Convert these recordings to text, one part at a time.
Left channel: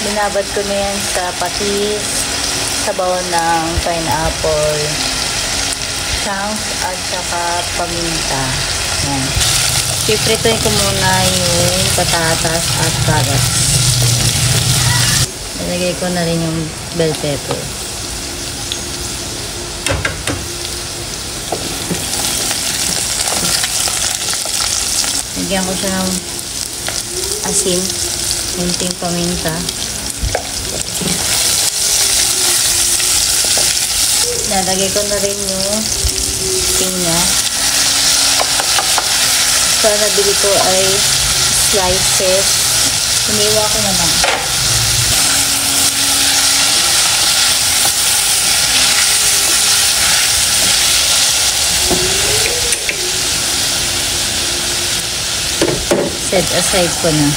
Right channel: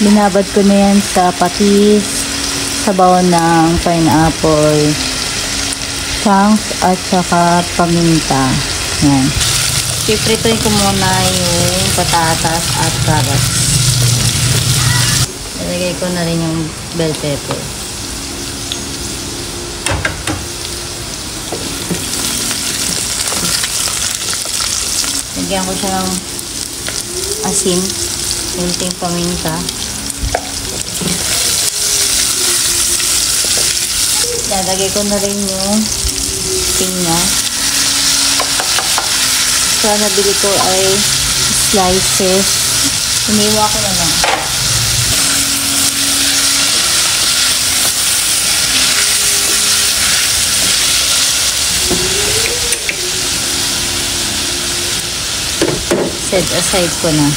Binabad ko na yan sa patis, sabaw ng pineapple, chunks at saka paminta. Yan. Pipritoy ko muna yung patatas at carrots. Ilagay ko na rin yung bell pepper. Lagyan ko siya ng asin, kunting paminta. Lalagay ko na rin yung pinya. Sa nabili ko ay slices. Iniwa ko na lang. Set aside ko na.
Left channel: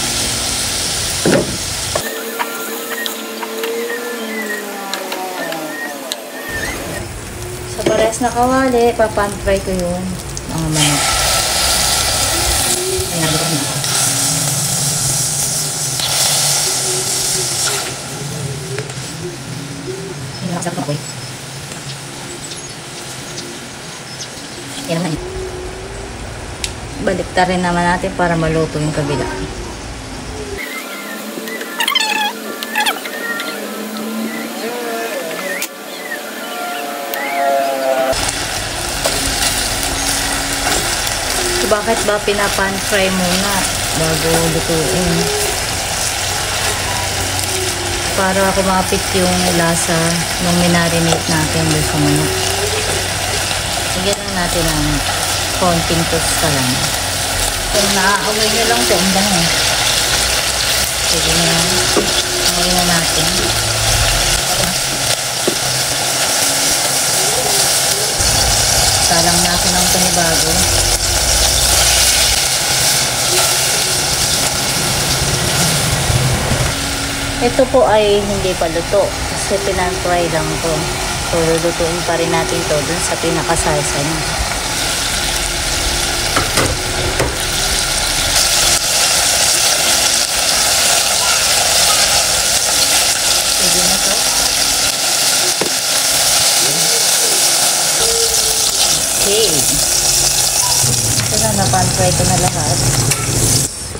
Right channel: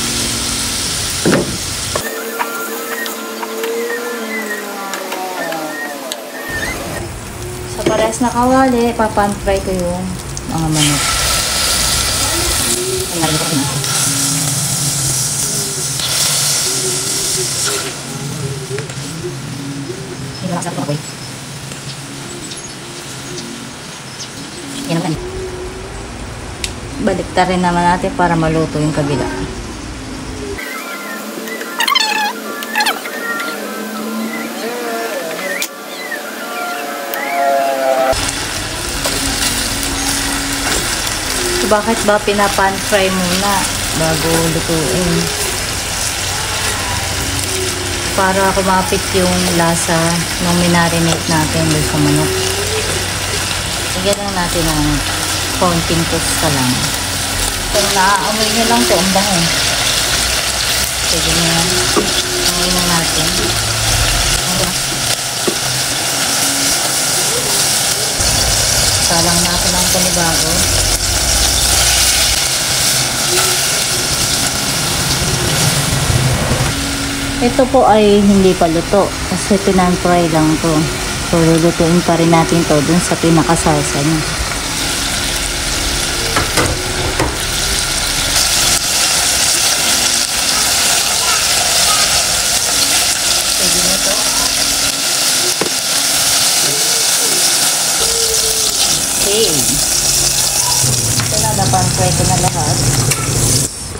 Sa parehas na kawali, papan-fry ko yung mga manok. Ayan, na. Ayan, nakasap ko. Ayan naman. Baliktarin naman natin para maluto yung kabila. So, bakit ba pinapan fry muna bago lutuin? Para kumapit yung lasa ng minarinate natin doon sa manok. Lagyan lang natin ng konting tosta lang. Kung naaamoy nyo lang ito, ang dami. Pwede nyo amoy na natin. Salang natin ang panibago. Ito po ay hindi pa luto kasi pinang-fry lang ito. So, lutuin pa rin natin ito dun sa pinakasasa niya.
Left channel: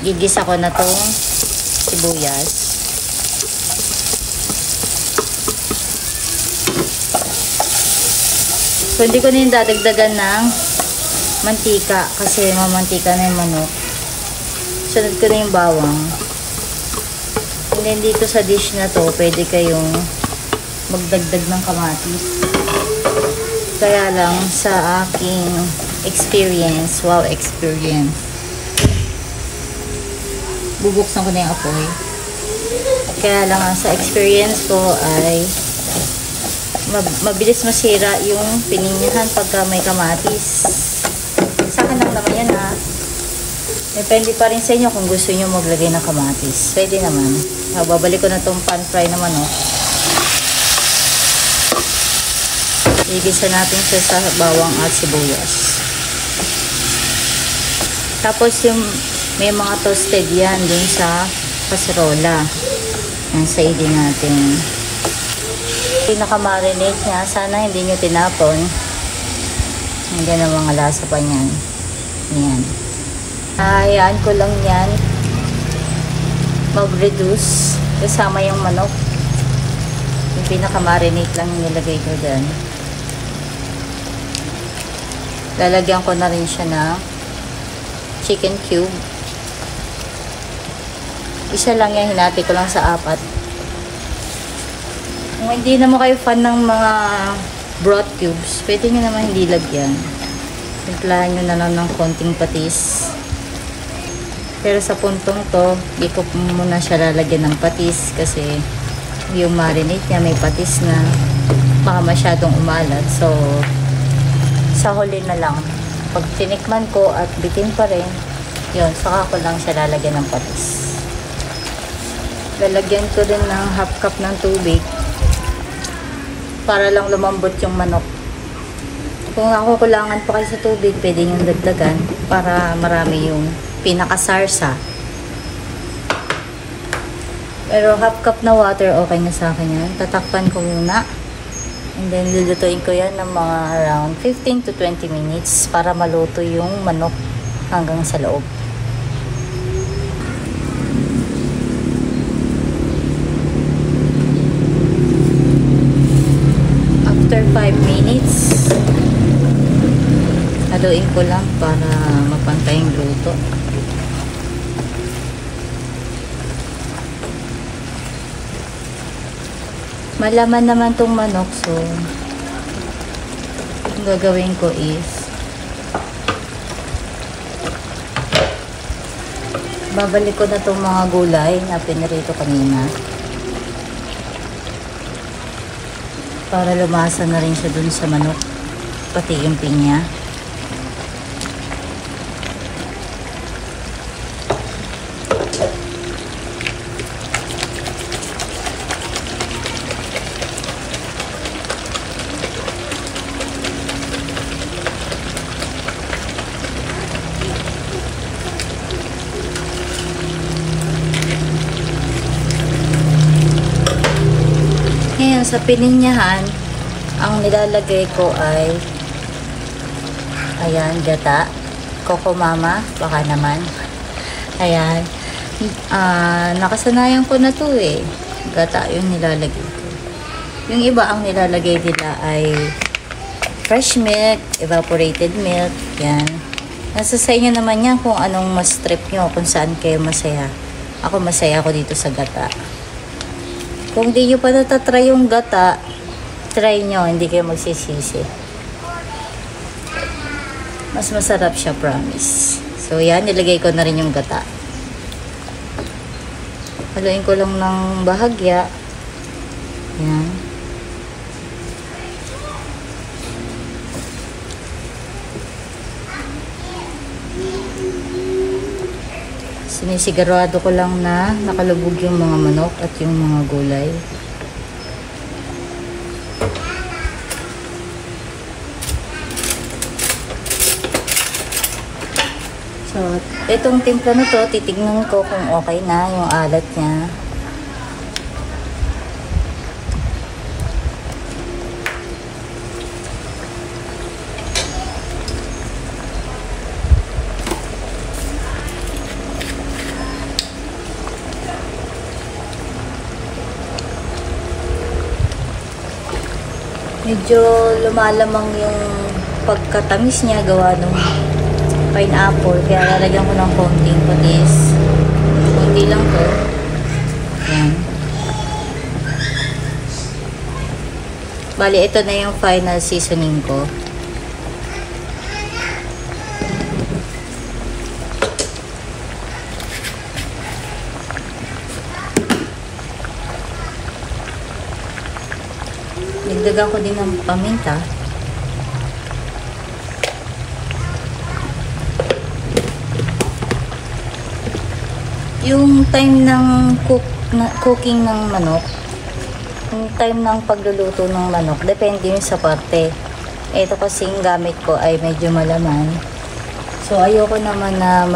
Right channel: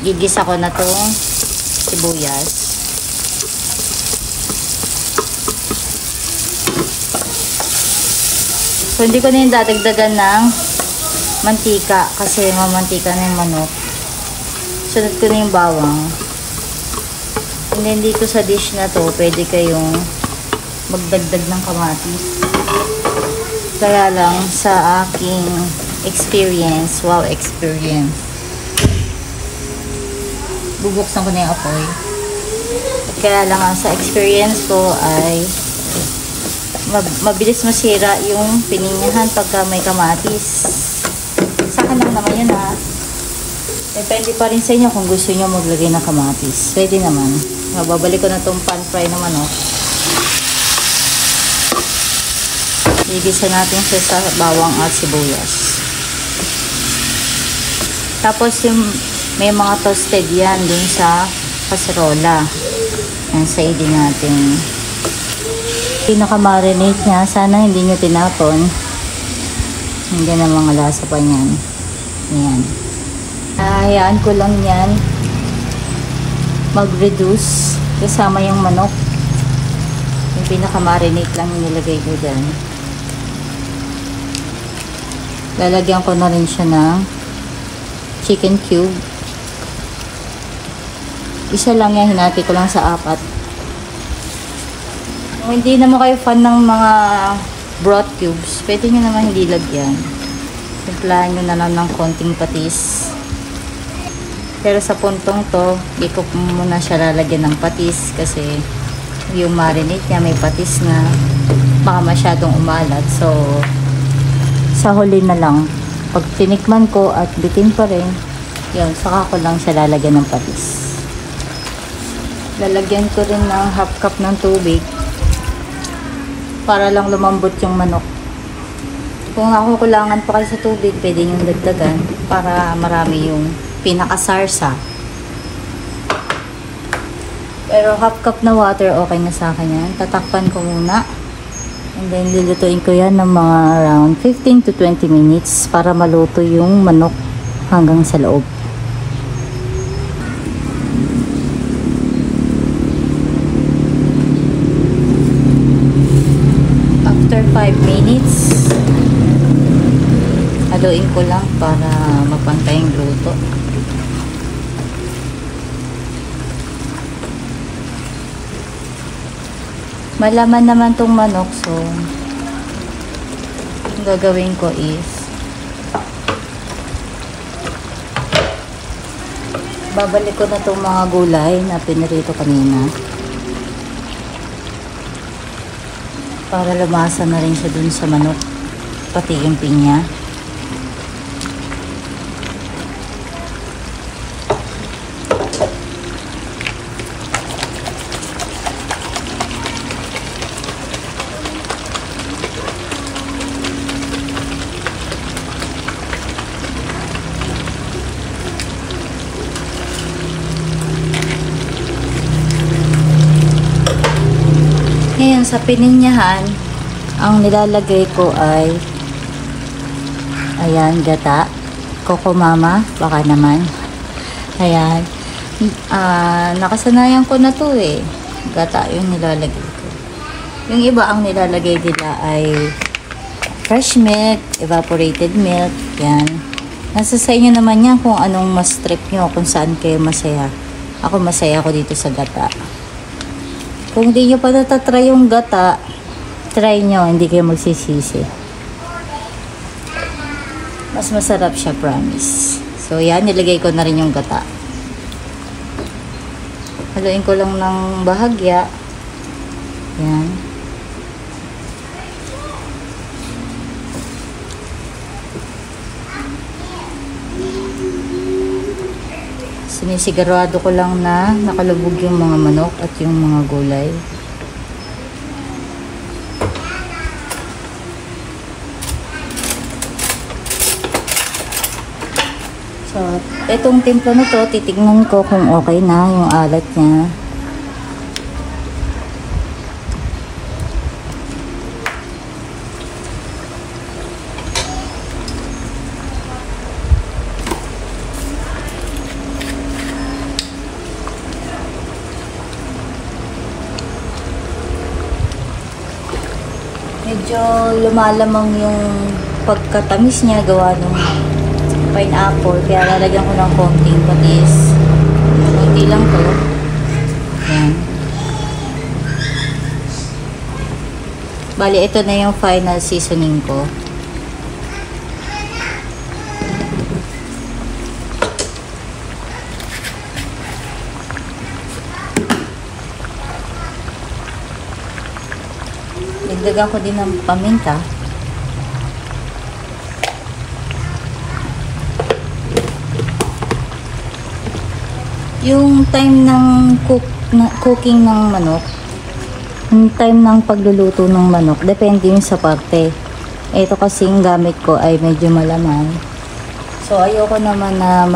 Gigisa ko na itong sibuyas. So, hindi ko na yung dadagdagan ng mantika kasi mamantika na yung manok. Sunod ko na yung bawang. And then dito sa dish na to, pwede kayong magdagdag ng kamatis. Kaya lang sa aking experience, wow experience, bubuksan ko na yung apoy. Kaya lang sa experience ko ay mabilis masira yung pininyahan pagka may kamatis. Sa akin lang naman yun ha. Depende pa rin sa inyo kung gusto nyo maglagay ng kamatis. Pwede naman. Babalik ko na itong pan fry na manok. Igisa natin siya sa bawang at sibuyas. Tapos yung may mga toasted yan dun sa kaserola. Yan, saidin natin. Pinaka-marinate niya. Sana hindi nyo tinapon. Hindi na mga lasa pa niyan. Yan. Hayaan ko lang yan mag-reduce kasama yung manok. Yung pinaka-marinate lang nilagay ko dyan. Lalagyan ko na rin siya ng chicken cube. Isa lang yan, hinati ko lang sa 4. Kung hindi naman kayo fan ng mga broth cubes, pwede nyo naman hindi lagyan. Timplahan nyo na lang ng konting patis. Pero sa puntong to, di ko muna siya lalagyan ng patis kasi yung marinate niya may patis na baka masyadong umalat. So, sa huli na lang, pag tinikman ko at bitin pa rin, yun, saka ko lang siya lalagyan ng patis. Lalagyan ko rin ng half cup ng tubig para lang lumambot yung manok. Kung nakukulangan pa kayo sa tubig, pwede nyo dagdagan para marami yung pinakasarsa. Pero half cup na water, okay na sa akin yan. Tatakpan ko muna. And then, lulutuin ko yan ng mga around 15 to 20 minutes para maluto yung manok hanggang sa loob. After 5 minutes, haluin ko lang para mapantay yung luto. Malaman naman tong manok, so ang gagawin ko is babalik ko na tong mga gulay na pinarito kanina para lumasa na rin siya dun sa manok, pati yung pinya. Ngayon, sa pininyahan, ang nilalagay ko ay ayan, gata, Coco Mama, baka naman. Ayan. Nakasanayan ko na to eh. Gata yung nilalagay. Yung iba, ang nilalagay nila ay fresh milk, evaporated milk. Yan. Nasa sa inyo naman yan kung anong mas trip nyo, kung saan kayo masaya. Ako masaya ko dito sa gata. Kung di nyo pa natatry yung gata, try nyo, hindi kayo magsisisi. Mas masarap siya, promise. So, yan, nilagay ko na rin yung gata. Haluin ko lang ng bahagya. Yan. Sinisigurado ko lang na nakalubog yung mga manok at yung mga gulay. So, etong timplo na to, titignan ko kung okay na yung alat niya. Medyo lumalamang yung pagkatamis niya gawa ng pineapple, kaya nalagyan ko ng konting patis. Hindi lang po. Ayan. Bali, ito na yung final seasoning ko. Dagdagan ko din ng paminta. Yung time ng cooking ng manok, yung time ng pagluluto ng manok, depende yung sa parte. Ito kasing gamit ko ay medyo malamang. So, ayoko naman na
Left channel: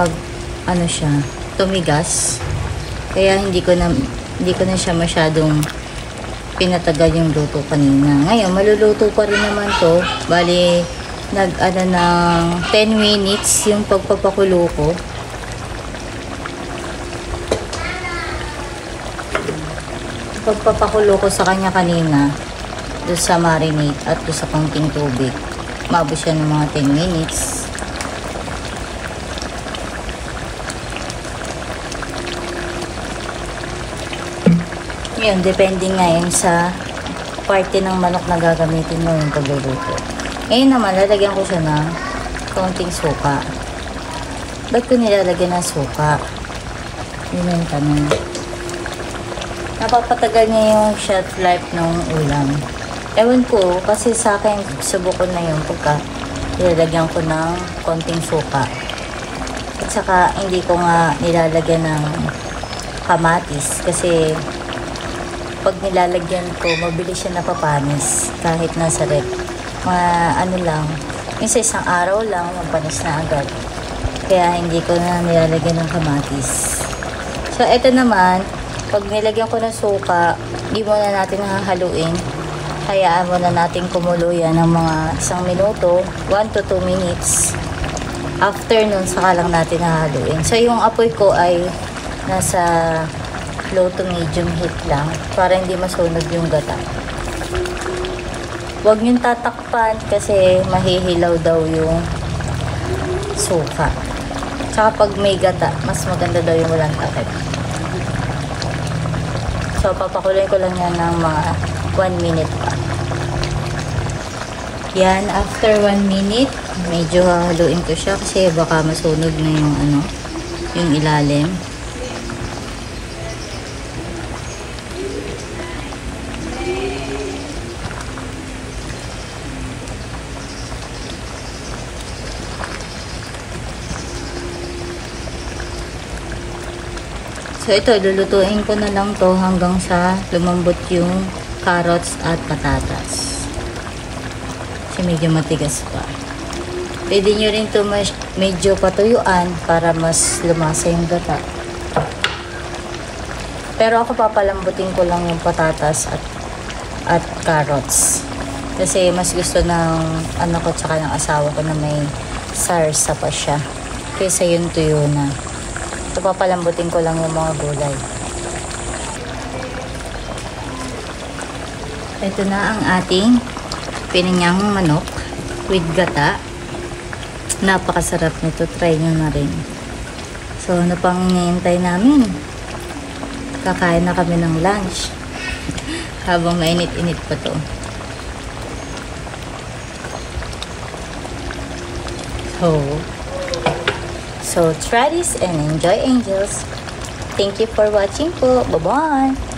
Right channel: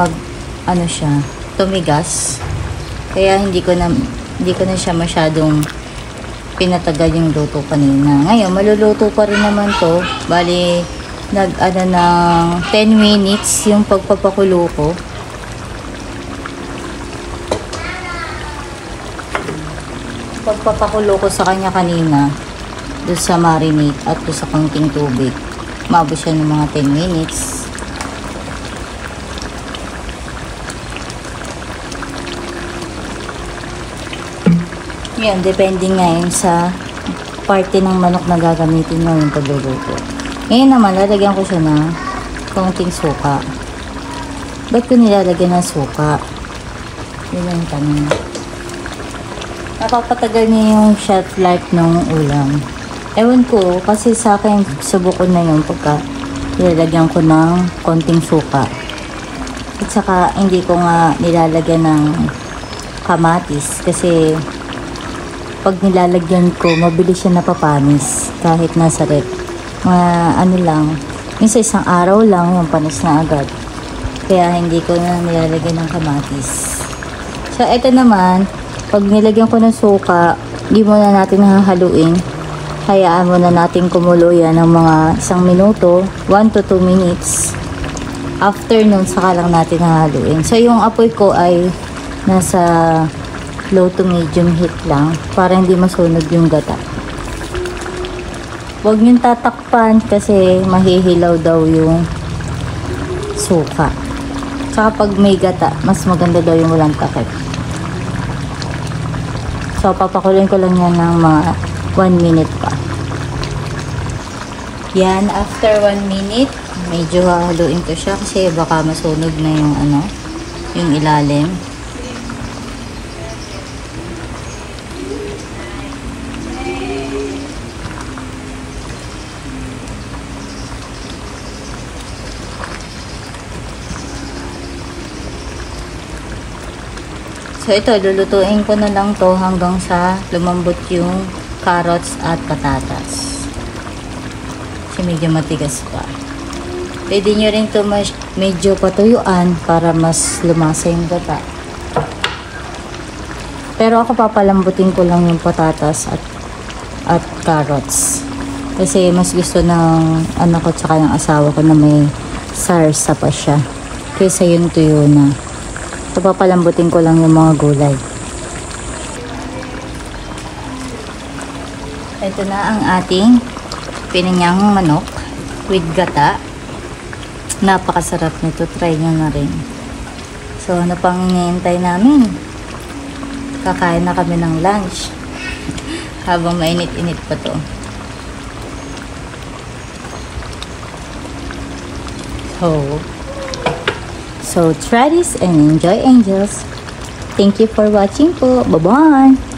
tumigas. Kaya hindi ko na siya masyadong pinatagal yung luto kanina. Ngayon, maluluto pa rin naman to. Bali, ng 10 minutes yung pagpapakulo ko. Pagpapakulo ko sa kanya kanina, doon sa marinade at doon sa konting tubig. Maabot siya ng mga 10 minutes. Yan, depende ngayon sa parte ng manok na gagamitin mo yung pagluluto. Ngayon naman, lalagyan ko siya ng konting suka. Ba't ko nilalagyan ng suka? Yun yung tanong. Napapatagal niya yung shelf life ng ulam. Ewan ko, kasi sa akin, sa buko na yung tukat, nilalagyan ko ng konting suka. At saka, hindi ko nga nilalagyan ng kamatis kasi pag nilalagyan ko, mabilis siya napapanis kahit nasa rep. Yung sa isang araw lang, yung panis na agad. Kaya hindi ko na nilalagyan ng kamatis. So, ito naman, Pag nilagyan ko ng suka, di muna natin hahaluin. Hayaan muna natin kumulo yan ng mga 1 minuto, 1 to 2 minutes. After nun, saka lang natin hahaluin. So, yung apoy ko ay nasa low to medium heat lang para hindi masunog yung gata. Huwag niyong tatakpan kasi mahihilaw daw yung suka. Tsaka pag may gata, mas maganda daw yung walang takip. So, papakuloyin ko lang yan ng mga 1 minute pa. Yan, after 1 minute, medyo hahaluin ko siya kasi baka masunog na yung yung ilalim. So, ito, lulutuin ko na lang to hanggang sa lumambot yung carrots at patatas. Kasi medyo matigas pa. Pwede nyo rin to medyo patuyuan para mas lumasa yung gata. Pero ako papalambutin ko lang yung patatas at carrots. Kasi mas gusto ng anak ko tsaka ng asawa ko na may sarsa pa siya. Kaysa yung tuyo na. So, papalambutin ko lang yung mga gulay. Ito na ang ating pininyang manok with gata. Napakasarap nito. Try nyo na rin. So, ano pang hinihintay namin? Kakain na kami ng lunch. Habang mainit-init pa to. So, try this and enjoy, angels. Thank you for watching po. Bye-bye!